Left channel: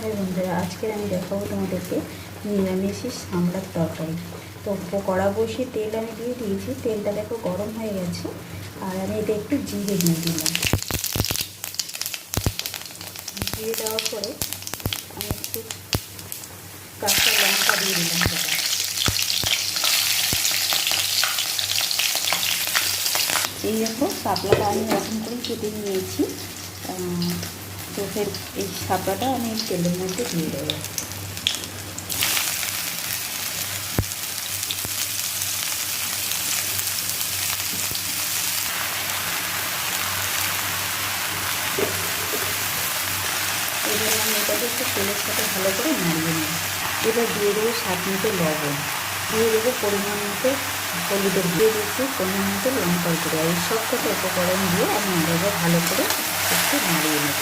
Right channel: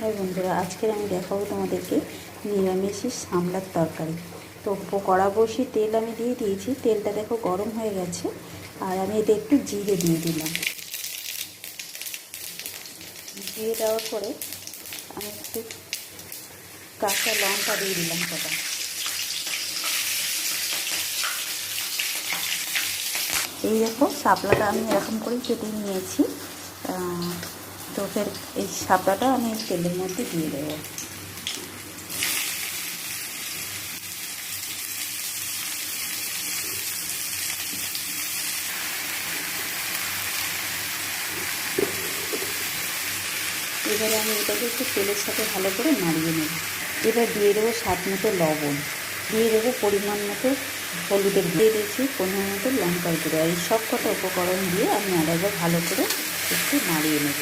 High বন্ধুরা, আজকের আমি দেখাবো তোমাদেরকে নিরামিষি সামলার তরকারি। তো কড়া বসিয়ে তেল আমি দিয়ে দিয়েছি, তেলটা দেখো গরম হয়ে গেছে। আর আমি এতে একটু জিরে দিয়ে দিলাম। জিরে দেওয়ার পরে আমি একটু কাঁচা লঙ্কা দিয়ে দিলাম সেটা। এই দেখো শাপলাটা আমি এরকম করে কেটে নিয়েছি। তো ফের এই শাপলাটা আমি তেলের মধ্যে দিয়ে দেবো। এবারে আমি এটাকে একটু তেলের সাথে ভালো করে নাড়িয়ে নেব। এবার দিয়ে দেবো স্বাদ মতো লবণ, দিয়ে দেবো পরিমাণ মতো হলুদের দিয়ে দিচ্ছি, পরিমাণ মতো লঙ্কার গুঁড়ো। এই সব কটা উপকরণ দিয়ে আমি আলাদা ভালো করে একটু নাড়িয়ে নেব।